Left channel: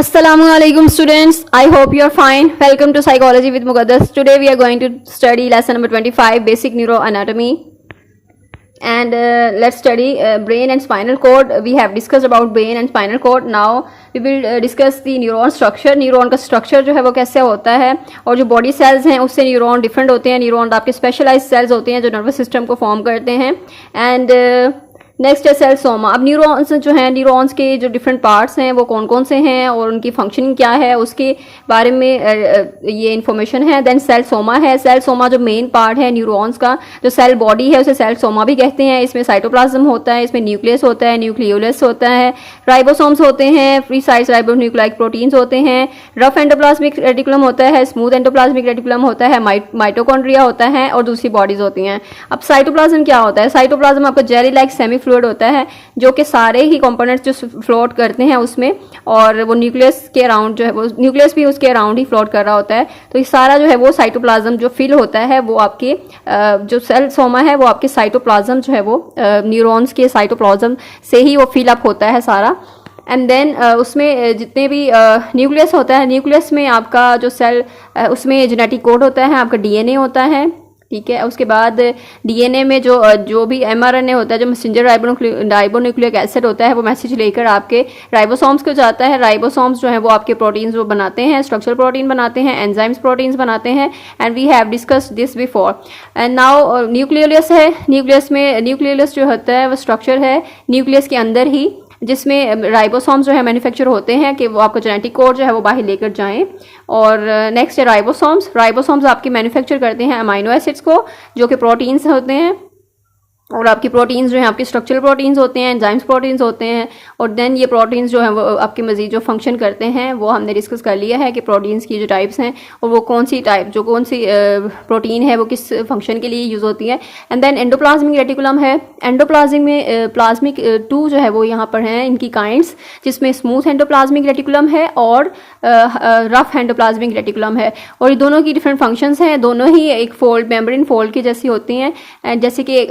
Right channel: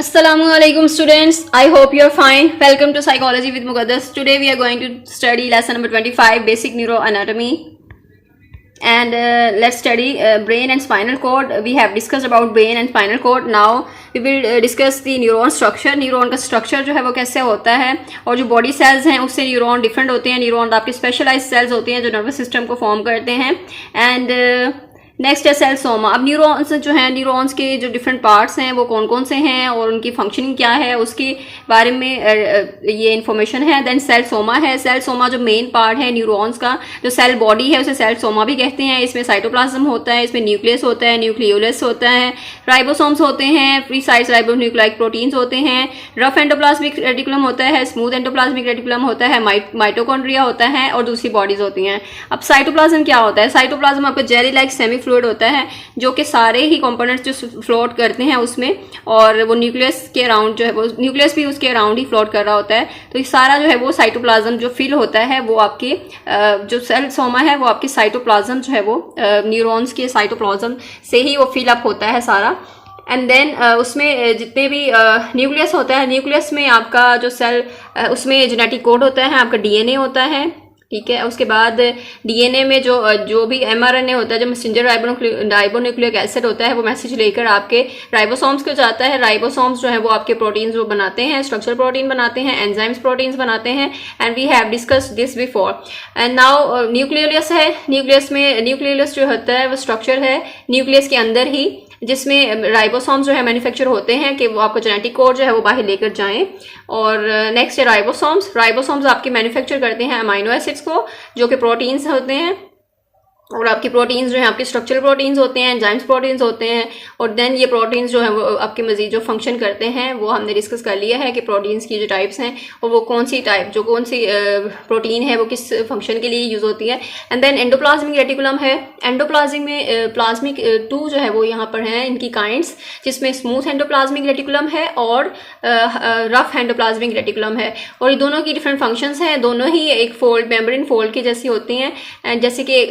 Assalamualaikum students. I hope you are fine. Welcome to Psychology with Muqaddas. Today we are going to study lesson number 25, Basic Neuroanatomy. And let's study brain and spinal cord. We have discussed about brain and spinal cord. Now we will discuss the neuron structure. Neuron का structure जो है वो कैसे होता है, और जो body cells हैं उससे न्यूरॉन डिफरेंट होते हैं. न्यूरॉन आपके स्पेशलाइज्ड सेल्स होते हैं जो नर्वस सिस्टम को फॉर्म करते हैं. एंड नेक्स्ट है सेल सोमा. अब न्यूरॉन्स जो हैं, न्यूरॉन्स के जो डिफरेंट पार्ट्स हैं वो कौन कौन से हैं और उनकी फंक्शनिंग क्या है उसके बारे में ये इन्फॉर्मेशन है. देन सेल सोमा है. सेल सोमा जो मेन पार्ट है न्यूरॉन्स का, जो सेल बॉडी है उसे सेल सोमा भी कहते हैं. इसमें साइटोप्लाज्म होता है, इसमें न्यूक्लियस होता है, न्यूक्लियोलस होता है, राइबोसोम्स होते हैं, फ्री साइट्स राइबोन्यूक्लिक प्रोटीन्स होते हैं, रफ एंडोप्लाज्मिक रेटिकुलम होता है, स्मूथ एंडोप्लाज्मिक रेटिकुलम होता है, माइटोकॉन्ड्रिया होता है और दूसरी बॉडीज होती हैं. अब साइटोप्लाज्म क्या होता है? साइटोप्लाज्म आपका जेली लाइक सेमी फ्लूइड होता है जो कि सारे ही कंपोनेंट्स जो फ्लोट करते हैं उसमें, और वो न्यूक्लियस के अराउंड जो है वो न्यूक्लियस भी उसके अराउंड ही फ्लोट कर रहा होता है. तो ये सारा जो है वो साइटोप्लाज्म जो फिल होता है वो आपके जो सेल सोमा है वो आपके साइटोप्लाज्म जो है वो न्यूरॉन्स के साइटोप्लाज्म से ही वो फिल अप होता है सारा. एंड देन उसमें जितने भी न्यूक्लियस होता है, न्यूक्लियस में आपका जो सेल उसमें जेनेटिक कोड होता है, आपका डीएनए होता है. ठीक है. उसके बाद डीएनए में जो भी एमआरएनए होता है, जो मैसेंजर राइबोन्यूक्लिक एसिड होता है, वो मैसेज लेकर आपके राइबोसोम्स को जाता है. राइबोसोम्स जो है वो आपके प्रोटीन्स वो बनाते हैं, स्ट्रक्चरल प्रोटीन बनाते हैं, एंजाइम्स प्रोटीन्स बनाते हैं. And we have discussed this before. And now nucleolus है. न्यूक्लियोलस जो होता है वो स्ट्रक्चर है न्यूक्लियस के अंदर ही, जिसमें राइबोसोम्स जो है मैन्युफैक्चर होते हैं कि वो आपका जेनेटिक कोड जो है वो बाहर लेकर जाएं. और नेक्स्ट है राइबोसोम्स आपके मैन्युफैक्चर करते हैं अमाइनो एसिड्स को जो कि प्रोटीन्स होते हैं. और आपकी प्रोटीन्स जो हैं आपके स्ट्रक्चरल प्रोटीन्स होते हैं, एंजाइम्स प्रोटीन्स होते हैं. और देन ये प्रोटीन्स जो हैं वो आपके मजीद जो फंक्शन करते हैं वो हमने डिस्कस कर लिया है कि प्रोटीन्स की जो टाइप्स हैं और वो कौन सी प्रोटीन है वो किस फंक्शन के लिए यूज़ होती है. एंड देन एंडोप्लाज्मिक रेटिकुलम है. प्लाज्मिक 2 जो है वो यहाँ पर हैं इनकी काइंड्स, जिसमें स्मूथ एंडोप्लाज्मिक रेटिकुलम है और रफ एंडोप्लाज्मिक रेटिकुलम है. और ये दोनों की डिफरेंट फंक्शंस हैं. दोनों ही एक फोल्ड मेम्ब्रेन फोल्ड की जैसी होती हैं, जैसे कि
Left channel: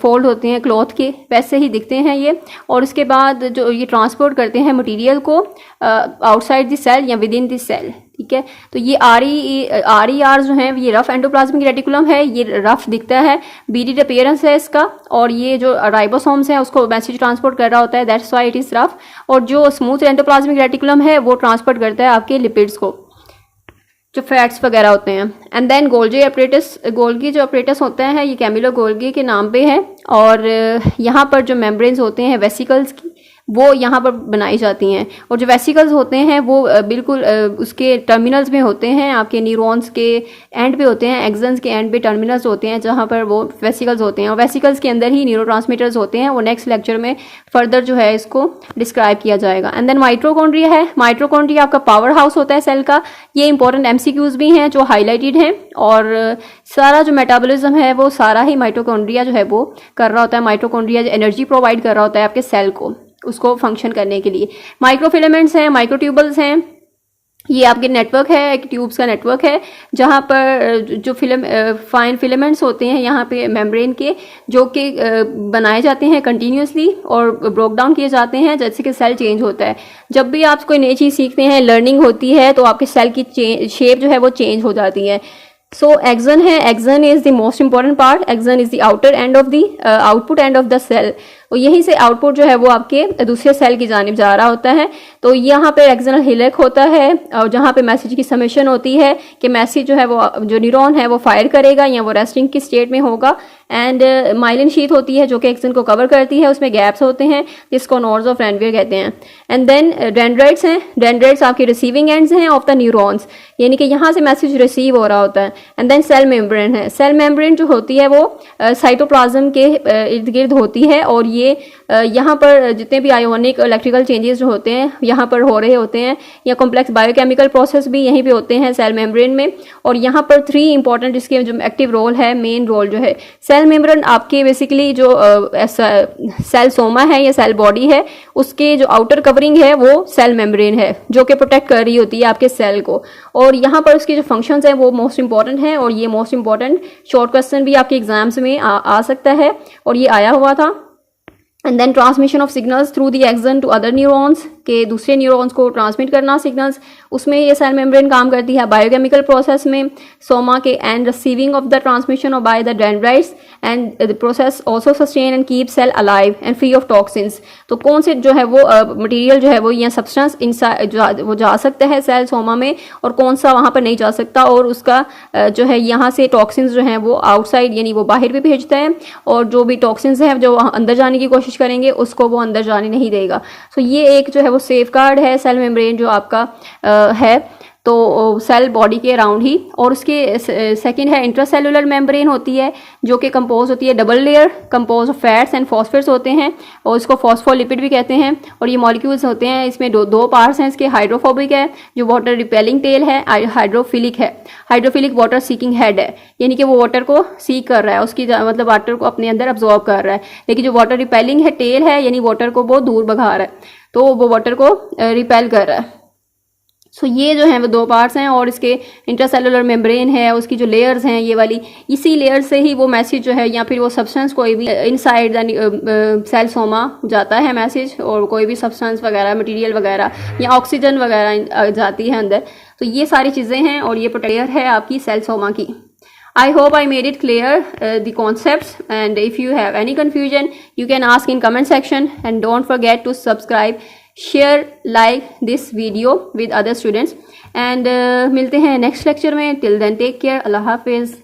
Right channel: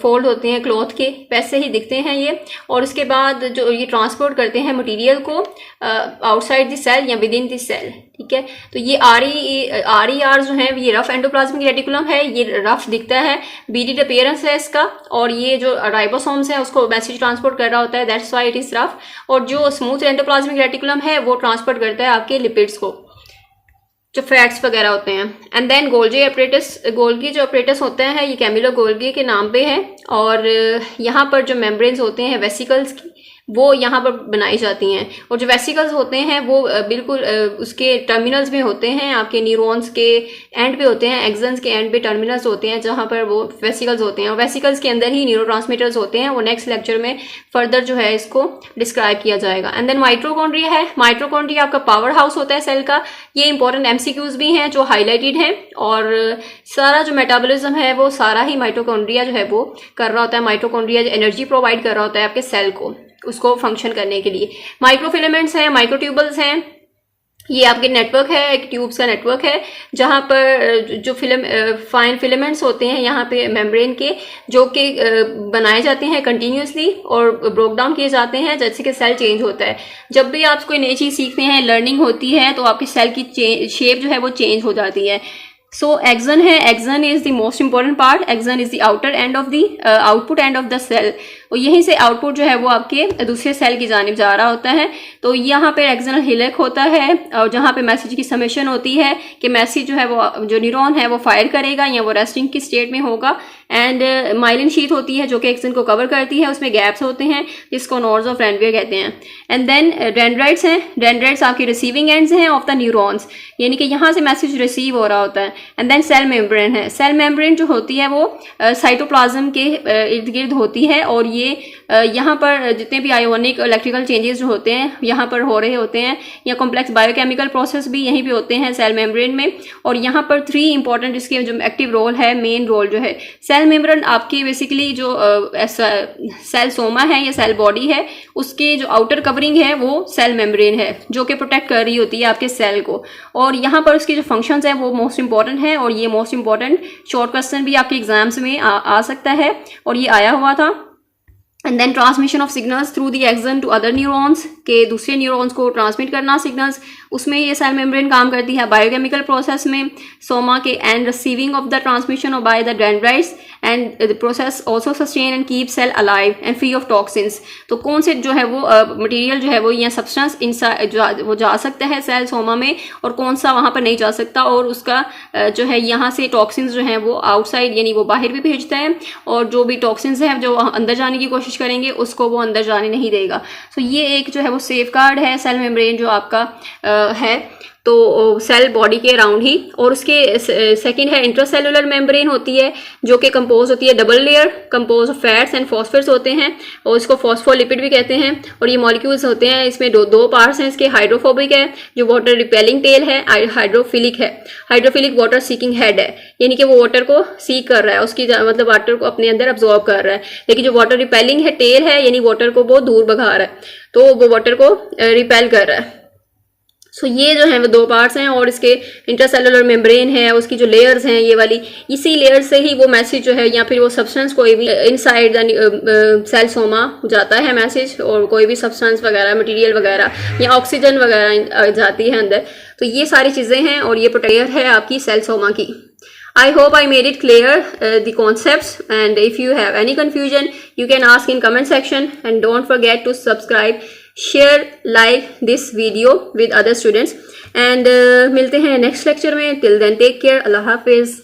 फोल्ड होते हैं क्लॉथ के, वैसे ही दिखते हैं ये. और उसके बाद जो ये ट्रांसपोर्ट करते हैं मटेरियल को आउटसाइड द सेल या विद इन द सेल. ठीक है. तो ये आर जो है ये रफ एंडोप्लाज्मिक रेटिकुलम है, ये रफ दिखता है, बीडीड अपीयरेंस है इसका. और ये जो राइबोसोम्स है उसको मैसेज ट्रांसपोर्ट कर रहा होता है, that's why it is rough. और जो स्मूथ एंडोप्लाज्मिक रेटिकुलम है वो ट्रांसपोर्ट करता है आपके लिपिड्स को, जो फैट्स वगैरह होते हैं. एंड देन गोल्गी जो अपरेटस होता है ये कैमिलो गोल्गी के नाम पे है. और यहाँ पर जो मेम्ब्रेन्स होते हैं वेसिकल्स की वो यहाँ पर बनाई जाती हैं. और जो वेसिकल्स होते हैं वो बिल्कुल उसके टर्मिनल्स में होते हैं, आपके न्यूरॉन्स के एंड पे होते हैं, एक्सन्स के एंड पे टर्मिनल्स होते हैं जहाँ पर वो वेसिकल्स होते हैं. और वेसिकल्स के अंदर ही न्यूरोट्रांसमीटर्स होते हैं. वो नेक्स्ट लेक्चर में फर्दर जो है इसको डिस्क्राइब किया जाएगा. एंड देन माइटोकॉन्ड्रिया है. माइटोकॉन्ड्रिया आपका पावर हाउस होता है सेल का. ये इंपॉर्टेंट एमसीक्यूज भी हैं जो हाईलाइटेड हैं. और सारा जो मेटाबॉलिज्म है वो सारा ही माइटोकॉन्ड्रिया जो है वो कर रहा होता है. माइटोकॉन्ड्रिया जो एनर्जी प्रोवाइड कर रहा होता है आपके सेल को उसको फंक्शन करने के लिए. माइक्रोफिलामेंट्स हैं, माइक्रोट्यूबल्स हैं. ये आपके नेटवर्क है, एक ट्यूब्स का नेटवर्क है जहाँ पर जो फाइन फिलामेंट्स होते हैं यहाँ पे मेम्ब्रेन के, जो कि बनाए जाते हैं कंटिन्यूसली और ब्रोक डाउन किए जाते हैं जैसे कि सेल चेंज होता है. जब भी आप कोई नई चीज़ सीखते हैं, लर्निंग होती है, तो आपके सेल की शेप जो है वो चेंज हो जाती है. सो एक्सन है. Axon is the most important part. Axon is the outer end of the output end of the cell. और यहीं से आउटपुट जो है वो आपके दूसरे सेल की जानिब जा रहा होता है. तो यहाँ पे एक्सनल हिलेक होता है और जहाँ पे मैसेज की समेशन होती है कि मैसेज जो है वो जो न्यूरॉन है वो फायर करेगा या वो रेस्टिंग की स्टेट में होगा. एंड माइलिन शीथ होती है जो कि एक्सन को कवर करती है, उसमें गैप्स होते हैं जिसको नोड्स ऑफ रेनवियर कहते हैं. एंड देन डेंड्राइट्स हैं. डेंड्राइट्स आपके रिसीविंग एंड्स हैं ऑफ द न्यूरॉन्स, यानी कि यहाँ से मैसेज रिसीव हो रहा होता है. एंड देन सेल मेम्ब्रेन है. सेल मेम्ब्रेन जो होती है वो साइटोप्लाज्म के इर्द गिर्द होती है. और ये यहाँ पर जितने भी आयोनिक इलेक्ट्रिकल चेंजेस जो होते हैं यहाँ पर हो रहे होते हैं, या कॉम्प्लेक्स बायोकेमिकल प्रोसेस भी यहीं पे होते हैं सेल मेम्ब्रेन में. और यहाँ पर 3 इंपॉर्टेंट इसके जो एक्टिव रोल है, मेन रोल जो है. सेल मेम्ब्रेन आपके बेसिकली जो सेल सोमा है या सेल बॉडी है उसके जो आउटर कवरिंग है वो सेल मेम्ब्रेन है जो कि प्रोटेक्ट कर रही होती है आपके सेल को. और यहाँ पर उसकी जो फंक्शंस हैं वो मोस्ट इंपॉर्टेंट हैं. और ये मोस्ट इंपॉर्टेंट शॉर्ट क्वेश्चन भी आपके एग्जाम्स में आ सकता है और ये आया हुआ था. And then transmission of signals through the axon to other neurons, के दूसरे न्यूरॉन्स को ट्रांसमिट करना सिग्नल्स, उसमें ये सेल मेम्ब्रेन काम करती है। बायोकेमिकल प्रोसेस में सोमा के and receiving of the transmission of by the dendrites and the process also sustain and keep cell alive and free of toxins. तो कौन से जो है वो मटेरियल जो है वो या सब्सटेंस इनसाइड वो जा सकता है सेल सोमा में, और कौन सा वहाँ पर नहीं जा सकता, और उसका जो है यहाँ से टॉक्सिन्स जो हैं वो आउटसाइड यानी वो बाहर भी भेजता है, और जो भी टॉक्सिन्स हैं जो अंदर जाने की कोशिश करेंगे उसको वो अंदर जाने नहीं देगा। सो ये एक जो है वो सेफ गार्ड है सेल मेम्ब्रेन जो आपका है, तो सेल बॉडी के अराउंड ही। और उसके सेकंड है इंट्रासेलुलर मेम्ब्रेन होती है, जो कि कंपोज होती है double layer, compose of fats and phosphates होते हैं, और इसको फॉस्फोलिपिड भी कहते हैं। और ये मॉलिक्यूल्स होते हैं, इसमें दो पार्ट्स हैं इसके, हाइड्रोफोबिक है जो वाटर रिपेलिंग टेल है, हाइड्रोफिलिक है, हाइड्रोफिलिक वाटर सीकिंग हेड है, यानी कि वो वाटर को सीक कर रहा है, उसकी मतलब वाटर को अपने अंदर अब्जॉर्ब कर रहा है। लेकिन जो वाटर रिपेलिंग है टेल है, यानी वाटर को बहुत दूर भगा रहा है, तो वो वाटर को रिपेल कर रहा है। सो ये जो है वो दो पार्ट्स हैं, और इसके इंटरसेलुलर मेम्ब्रेन है, उसकी जो लेयर्स हैं ये वाली, इसी लेयर से ही वो मैसेज जो है या फिर वो सब्सटेंस कोई भी इनसाइड सेल सोमा जाता है मैसेज, और कोई भी सब्सटेंस वगैरह मटेरियल वगैरह या ऑक्सीजन वगैरह जाती है अंदर। तो ये सारी चीज़ें हैं, और ये प्रोटेक्टर है आपकी सेल सोमा की। I hope I made it clear the concepts, and if you have any confusion you can ask in comment section, and don't forget to subscribe, share, like this video with other students, and मिलते हैं next lecture में। till then take care, अल्लाह हाफिज़।